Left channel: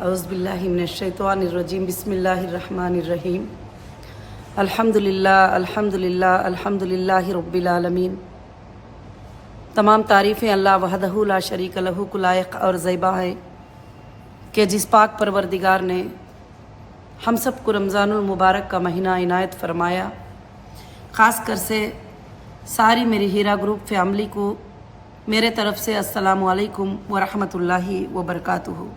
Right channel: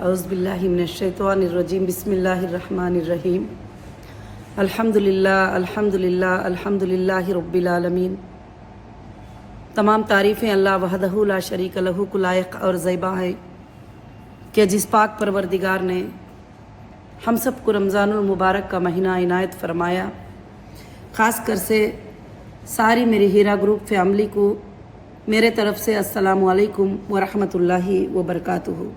औज़ुबिल्लाहिमिनश्शैतानिर्रजीम बिस्मिल्लाहिर्रहमानिर्रहीम अल्हम्दुलिल्लाह अल्हम्दुलिल्लाह अल्हम्दुलिल्लाहि रब्बिल आलमीन। तमाम तारीफ़ें अल्लाह वहदहू ला शरीक लहू को लायक और ज़ैबा है कि जिस पाक परवरदिगार ने हम सब को रमज़ानुल मुबारक का महीना इनायत फरमाया। ख़ास कर से सारी मेरी हीरा ग्रुप फैमिली को मेरे तरफ से अस्सलामु अलैकुम व रहमतुल्लाहि व बरकातुहू।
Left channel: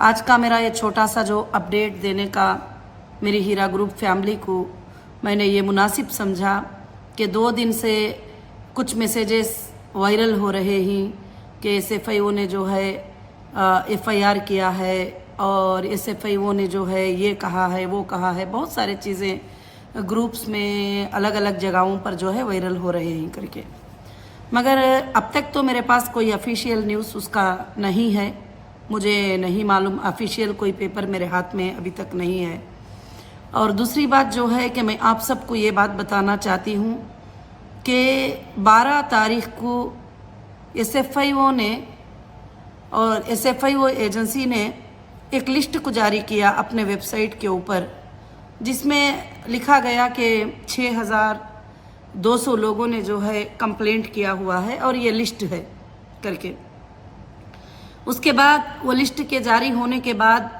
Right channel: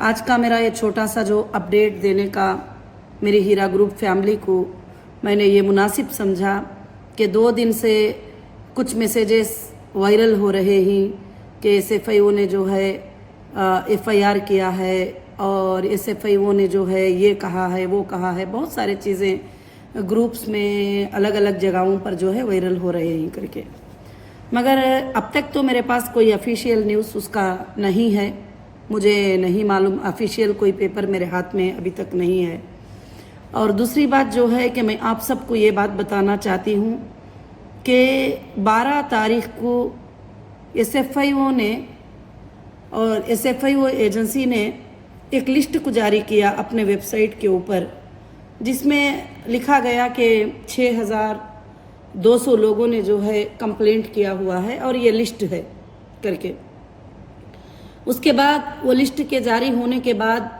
आज का मेरा ये छोटा सा जो अपडेट देने का मेरी हीरा ग्रुप फैमिली को मैंने ये मुनासिब समझा कि 2 दिन से कुछ मैसेजेस वायरल हो रहे हैं कि एसएफआईओ ने जो है एफआईआर किया है और एसएफआईओ ने जो है ये कहा है वो कहा है, बहुत सारी चीज़ें ग्रुप्स में अलग अलग जगहों पर जो है वायरल हो रहे हैं करके। मगर अब तक तो मेरे पास कोई ऑफिशियल न्यूज़ उसका नहीं है, मुझे नहीं मालूम, ऑफिशियल कोई पेपर मेरे हाथ में अभी तक नहीं है। और दूसरी बात जो है कि मैं आप सबको ये बात बताना चाहती हूँ कि 12 तारीख को एसएफआईओ ने और एसएफआईओ एजेंसी ने एक लिस्ट को जारी किया अपने वेबसाइट के ऊपर, जिसमें लिखा गया कि 6200 लोगों ने जो है कंप्लेंट किया हुआ है और ये लिस्ट है करके। उसके बाद वो लिस्ट के जारी होने के बाद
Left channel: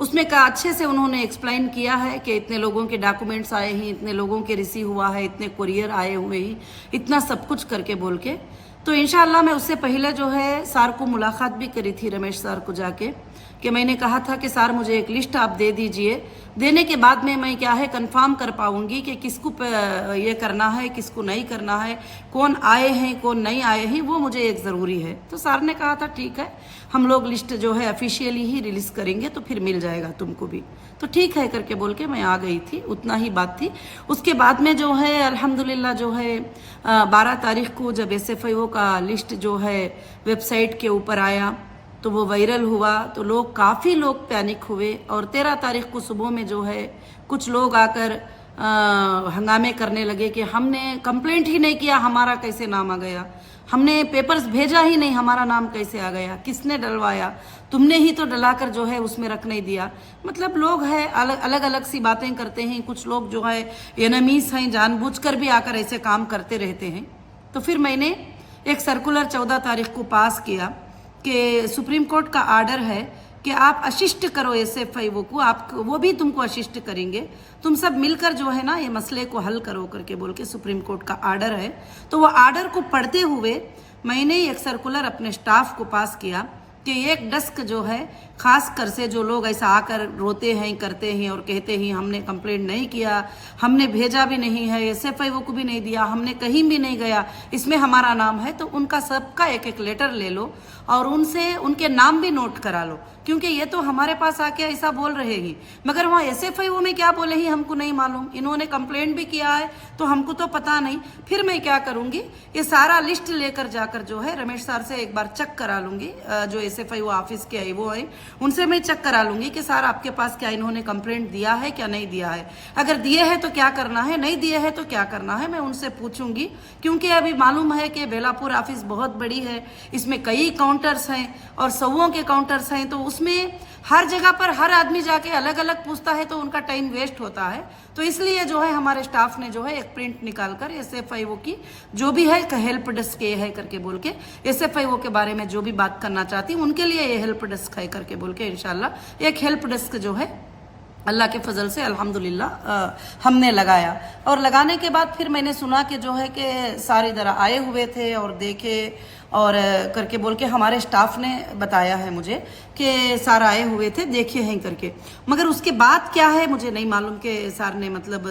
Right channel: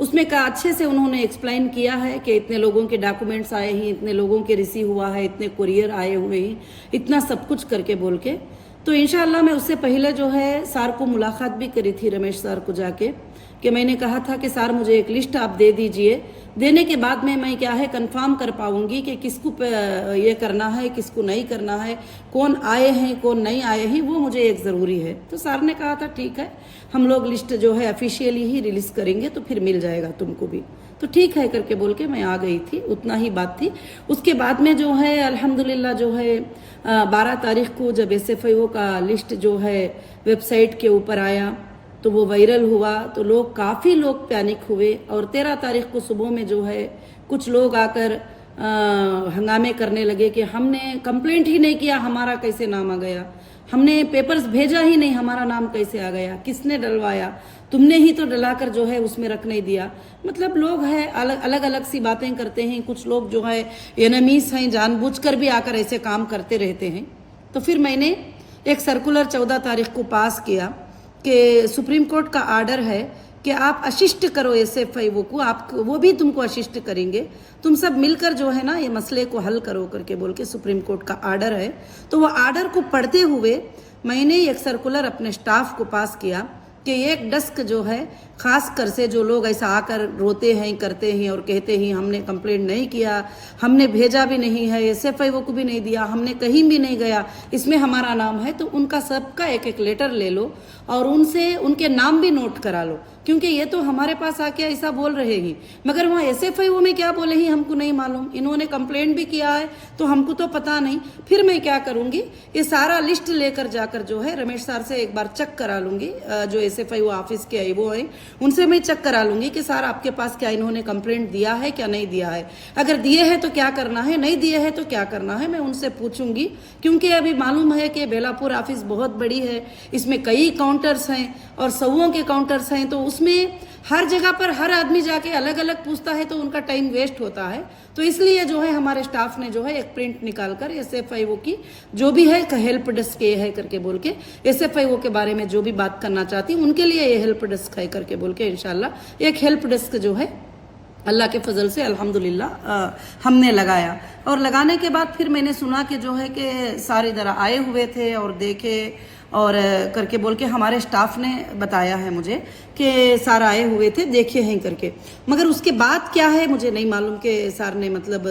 उसमें का अच्छे से उन्होंने एक्सप्लेन किया है कि इतने लोगों के डॉक्यूमेंट्स आए हैं, इतने लोगों के रिसीव हुआ है, इतने कुरियर आए हुए हैं, इतना सब कुछ करके बोल के। तो इंशाल्लाह मैं उससे पहले जो है सर को मुलाकात भी करी थी, रमेश सर को जाके, कि मैंने कहा था कि सर मुझे एक लिस्ट आप दे दीजिए, देने के बाद में मैं क्या है कंफर्म कर पाऊंगी कि किसको ये करना है किसको नहीं करना है, कौन आए हैं कौन नहीं आए हैं, वो मुझे एक ज़रूरी है। तो सर ने कहा था ठीक है, हम लोग लिस्ट जो है ऑफिशियली ही रिलीज करेंगे तो फिर मिल जाएगा तुमको भी। तो ठीक है करके बोल के मैं आ गई थी, उतना ही बात थी। उसके बाद में जो है अल्हम्दुलिल्लाह जो है 12 तारीख को जब एसएफआईओ का लिस्ट जो है वेबसाइट के ऊपर आया तो वो वायरल हुआ, तो लोग काफ़ी लोग पैनिक हुए। और 13 तारीख को सुबह में जो है कुछ लोग आकर हंगामे करने लगे कि हमने कंप्लेंट ही नहीं किया, हमारा कैसे नाम आ गया, हमने पेपर्स भेजा ही नहीं, हमारा नाम कैसे आ गया, किसने डलवाया, तुमने ही तो डलाकर जो है उसमें रख नहीं दिया। मतलब लोग हैं अलग अलग सी बातें करते हैं, कुछ लोग जो है एनिमीज हैं, जानबूझकर भी आकर ऐसे काम करते रहते हैं। तो फिर मैंने एक सर्कुलर 14 तारीख को पास किया कि सुप्रीम कोर्ट का आर्डर है कि आप असिस्ट करो एसएफआईओ को, आप वो भी तुमको असिस्ट करेंगे, तुम सब मिलकर जो है ना ये मसले को हल करो करके बोल के सुप्रीम कोर्ट का आर्डर है। तो वो आर्डर को पढ़ते हुए मैंने एक सर्कुलर अपने स्टाफ को पास किया कि एक डेस्क जो है खास कर से जो लोग ऐसा आकर रोते हैं करते हैं और कहते हैं हमने कंप्लेंट नहीं किया, हमने भेजा भी नहीं है, एसएफआईओ को भी नहीं दिया, हमने कहीं भी नहीं गया, इसमें हमारा नाम है, तो उनका सबका एक एक लेटर ले लो और उनसे उनके नाम भी नोट करा लो, क्योंकि ये तो हमारे पास आके ऐसा बोल रहे हैं मगर वहाँ एसएफआईओ में क्या बोले हैं हमको नहीं मालूम, इन्होंने कंप्लेंट भी किया है तो हमको तो पता नहीं। फिर मैं क्या करूंगी, ये सारा लिस्ट लेकर जाकर जो है रमेश सर से एक बार चेक करा लूंगी, जो एसएफआईओ ऑफिस के वो है उनसे मैं चेक करा लूंगी कि सर आपके पास क्या इन्होंने कंप्लेंट दिया है क्या नहीं दिया है, अगर दिए है तो क्या करना है, नहीं दिए है तो क्या करना है, मैं उनसे पूछूंगी। क्योंकि अभी मालूम है कि बेलापुर ऑफिस बहुत बड़ी है, इसमें कई काउंटर्स हैं और 100 के काउंटर्स हैं, तो उसमें हर जगह पर हर आदमी जाके अलग अलग पूछता है तो उनका टाइम वेस्ट होता है। तो इसलिए जो है हमारे स्टाफ ने जो है एक प्रिंट निकालकर एसएफआईओ की जो भी है हेल्प डेस्क ये है करके बोल के, एसएफआईओ के बारे में जो भी बात करना चाहती हूँ उनके लिए ये हेल्प डेस्क है करके बोल के इंशाल्लाह एक हेल्प डेस्क जो है अल्लाह के फजल से अल्हम्दुलिल्लाह हमने लगाया। और लगाने के बाद फिर मैंने सुना कि जो है कि सारे इधर आए हुए थे और देखे और करके बोल के हमारे स्टाफ ने बताया है मुझे कि सर आए हुए थे देखे हैं करके। मगर उसके बाद क्या है मुझे नहीं मालूम कि सर ने मतलब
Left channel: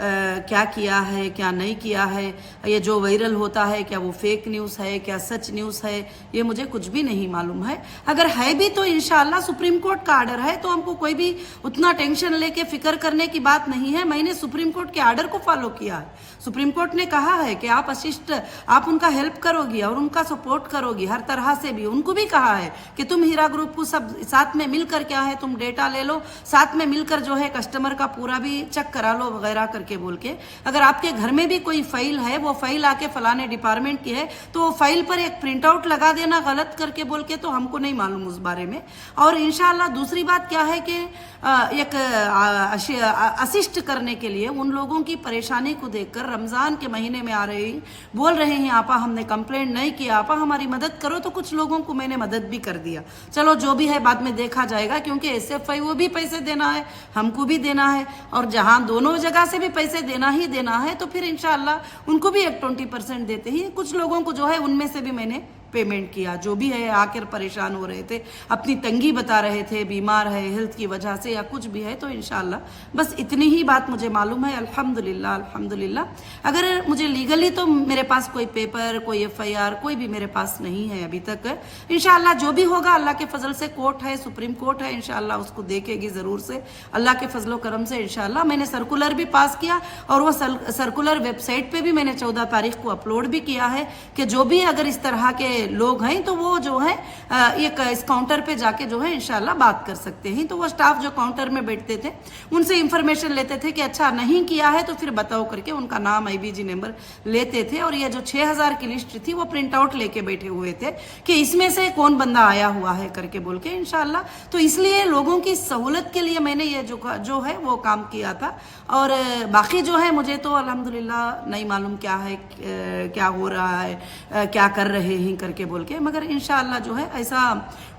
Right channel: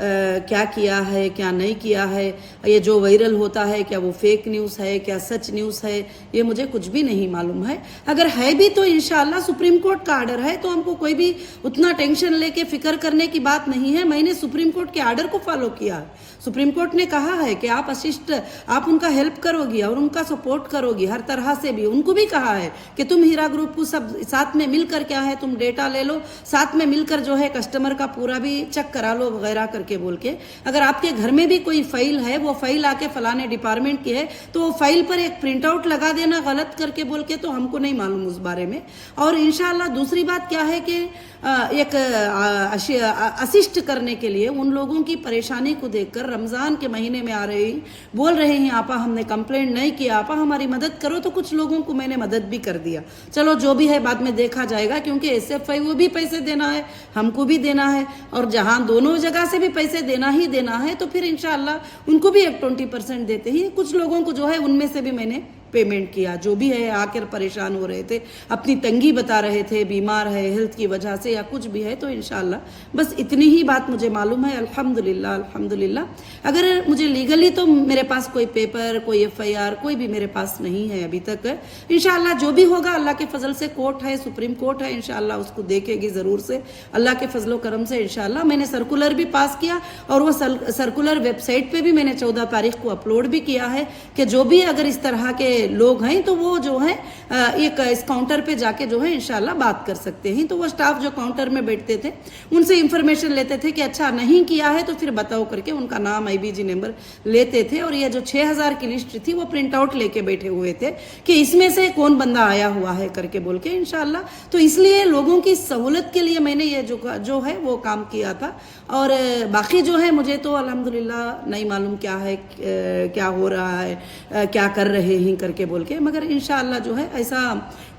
क्या किया है क्या नहीं किया है, ये जो वायरल होता है क्या वो फेक न्यूज़ है क्या सच न्यूज़ है, ये मुझे कुछ भी नहीं मालूम है। अगर है भी तो इंशाल्लाह सुप्रीम कोर्ट का आर्डर है तो हमको कोई भी उतना टेंशन लेके फिक्र करने की बात नहीं है। मैंने सुप्रीम कोर्ट के आर्डर को फॉलो किया है, सुप्रीम कोर्ट ने कहा है कि आप असिस्ट, आप उनका हेल्प करोगी और उनका सपोर्ट करोगी हर तरह से भी। उनको भी कहा है कि तुम हीरा ग्रुप को सब साथ में मिलकर क्या है, तुम डेटा ले लो, साथ में मिलकर जो है कस्टमर का पूरा भी चेक करा लो वगैरह करके बोल के। अगर आपके घर में भी कोई फाइल है, वो फाइल आके फलाने डिपार्टमेंट की है, तो वो फाइल पर एक प्रिंट आउट लगा देना गलत करके बोल के, तो हमको नहीं मालूम उस बारे में। और इंशाल्लाह दूसरी बात क्या है कि एक असिस्ट करने के लिए उन लोगों की परेशानी को देखकर रमजान के महीने में आ रही बोल रहे हैं आपा हमने कंप्लेंट नहीं किया, आपा हमारी मदद करो, तो कुछ लोगों को मैंने मदद भी कर दिया। चलो जो भी है बाद में देखा जाएगा, क्योंकि SFI वो भी पैसे देना है, हमको भी देना है, और जहां दोनों जगह से भी पैसे देना ही देना है, तो फिर इंशाल्लाह उनको भी एक 20% देते ही। कुछ लोगों को जो है उनमें से भी मैंने पेमेंट किया, जो भी है आकर परेशान हो रहे थे, अपनी तंगी बता रहे थे, बीमार है हेल्थ की वजह से या कुछ भी है, तो इंशाल्लाह बस इतनी ही बात मुझे मालूम है। अल्हम्दुलिल्लाह अल्हम्दुलिल्लाह। अगर मुझे लीगली तो मेरे पास कोई पेपर, कोई FIR कोई भी मेरे पास नहीं है अभी तक। इंशाल्लाह जो भी होगा अल्लाह के फजल से, कोर्ट है, सुप्रीम कोर्ट है, इंशाल्लाह उसको देखेगी जरूर से अल्लाह के फजलो करम से। इंशाल्लाह मैंने सर्कुलर भी पास किया, और वो सर्कुलर वेबसाइट पे भी मैंने 14 तारीख को अपलोड भी किया है कि जो भी अगर इस तरह के लोग हैं तो वो जो है एक इस काउंटर पे जाके जो है इंशाल्लाह बात कर सकते हैं। तो वो स्टाफ जो काउंटर में बैठते थे उनसे इंफॉर्मेशन लेते थे कि अच्छा नहीं किया है तो फिर बताओ करके उनका नाम IBG नंबर लेते थे। और ये जो 6000 की लिस्ट थी वो प्रिंट आउट लेके बैठे हुए थे कि इसमें से कौन बंदा आया हुआ है करके बोल के इंशाल्लाह। तो इसलिए लोगों की सहूलत के लिए मैंने ये जो है वो काम किया था। और बाकी जो है मुझे तो अल्हम्दुलिल्लाह नहीं मालूम क्या है, क्या हो रहा है, क्या कर रहे हैं करके बोल के, मगर इंशाल्लाह जो है ऐसा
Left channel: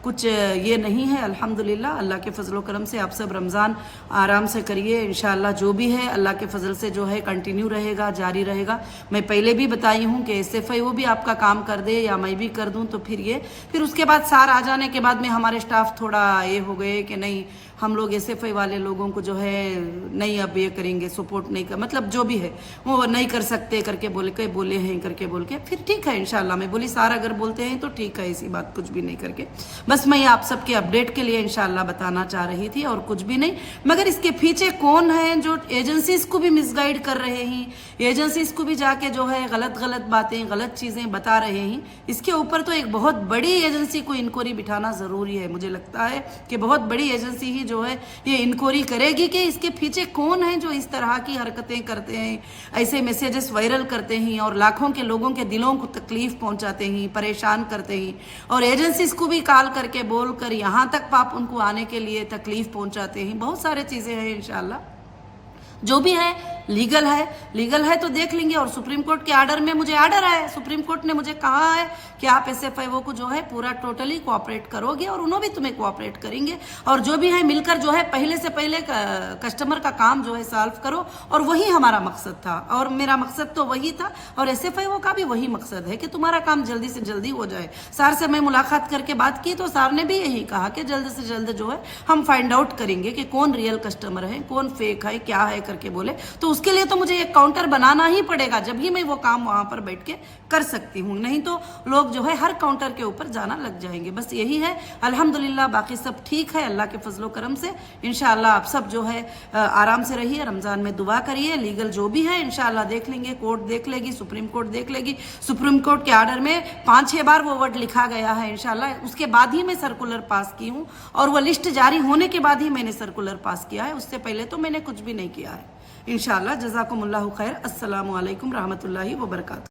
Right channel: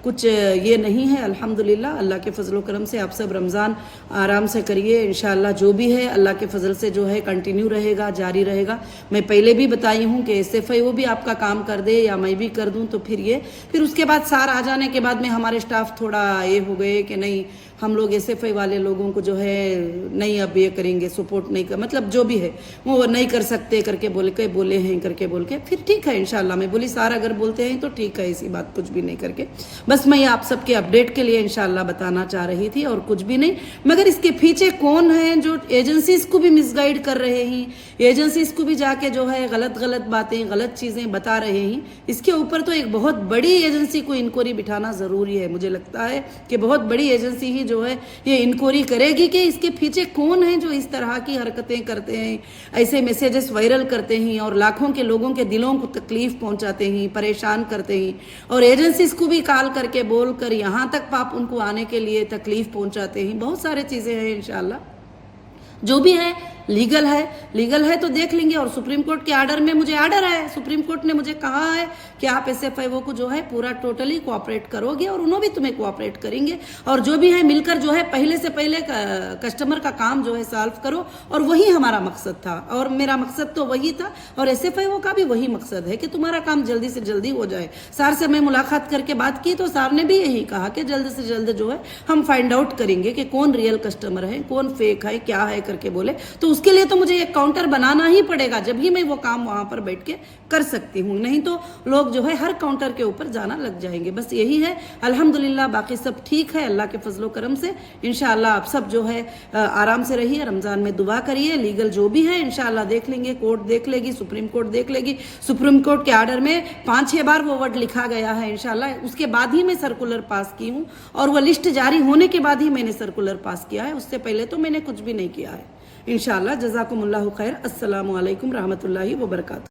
कुछ ये नहीं है। अल्हम्दुलिल्लाह अल्लाह के फजलो करम से आप सब रमज़ान आराम से करिए। इंशाल्लाह जो भी है अल्लाह के फजल से जो है कंटिन्यू रहेगा, जारी रहेगा। मैं पहले भी बताई हूँ कि SFI वो भी आपका काम कर दे या मैं भी कर दूँ, तो फिर उसके बाद सार आ जाने के बाद में हमारे स्टाफ थोड़ा ये हो गए कि नहीं हम लोग SFI वाले लोगों को जो है नहीं अब ये करेंगे, सपोर्ट नहीं कर, मतलब जो भी है वो नहीं कर सकते करके बोले हैं करके बोल के। फिर ठीक है इंशाल्लाह मैं बोली सारा अगर बोलते हैं तो ठीक है, ऐसी बात कुछ भी नहीं करके। बस मैं आप सबके अपडेट के लिए इंशाल्लाह बताना चाह रही थी और कुछ भी नहीं। मगर इसके पीछे कौन है जो एजेंसीज को भी मिसगाइड कर रहे हैं, एजेंसीज को भी जाके जो है गलत बातें, गलत चीजें बता रहे हैं, इसके ऊपर तो एक बहुत बड़ी एजेंसी को इंक्वायरी बिठाना जरूरी है। मुझे लगता है कि बहुत बड़ी एजेंसी ही जो है ये इंक्वायरी करेगी कि इसके पीछे कौन है जो इस तरह की हरकतें करते हैं, ऐसे मैसेजेस वायरल करते हैं और लाखों के लोगों के दिलों को तकलीफ पहुंचाते हैं, परेशान करते हैं, और एजेंसीज को भी कॉल करके बोलकर यहाँ तक पाप उनको आने के लिए तकलीफ पहुंचाते हैं। बहुत सारी चीजें हैं। इंशाल्लाह जो भी है लीगल है तो देख लेंगे। और सुप्रीम कोर्ट के ऑर्डर में मुझे ऑर्डर है, सुप्रीम कोर्ट ने मुझे कहा है कि आप SFI को जो है पूरा टोटली कोऑपरेट करोगे और उन्होंने भी तुम्हें कोऑपरेट करेंगे। और जो भी है मिलकर जो है पहले से पहले कस्टमर का काम जो है सॉल्व करो, और वही हमारा मकसद था और मेरा मकसद तो वही था, और SFI का भी वही मकसद है कि तुम्हारा काम जल्दी से जल्दी हो जाए। सर से मैं मुलाकात करके बात की तो सर ने भी यही कहा कि जल्द से जल्द जो है हम फाइंड आउट करेंगे कि कौन रियल कस्टमर है, कौन फेक है, क्या है करके बोले। तो उसके लिए तो मुझे एक काउंटर बनाना ही पड़ेगा, जब ही मैं वो काम वहां पर बैठ के कर सकती हूँ, नहीं तो लोग जो है हर काउंटर के ऊपर जाना लग जाएंगे। बस यही है। अल्हम्दुलिल्लाह बाकी सब ठीक है अल्लाह के फजलो करम से। इंशाल्लाह आप सब जो है आराम से रहिए, रमजान में दुआ करिए। लीगल जो भी है इंशाल्लाह देख लेंगे, कोर्ट देख लेगी, सुप्रीम कोर्ट देख लेगी। सुप्रीम कोर्ट के ऑर्डर में 5-6 बार वो वर्ड लिखा गया है इंशाल्लाह। उसके बाद ही मैं सर्कुलर पास की हूँ, और वो लिस्ट जारी होने के बाद ही मैंने सर्कुलर पास किया है, उससे पहले तो मैंने कुछ भी नहीं किया है। इंशाल्लाह जज़ाकुमुल्लाहु खैर। अस्सलामु अलैकुम रहमतुल्लाहि व बरकातहू।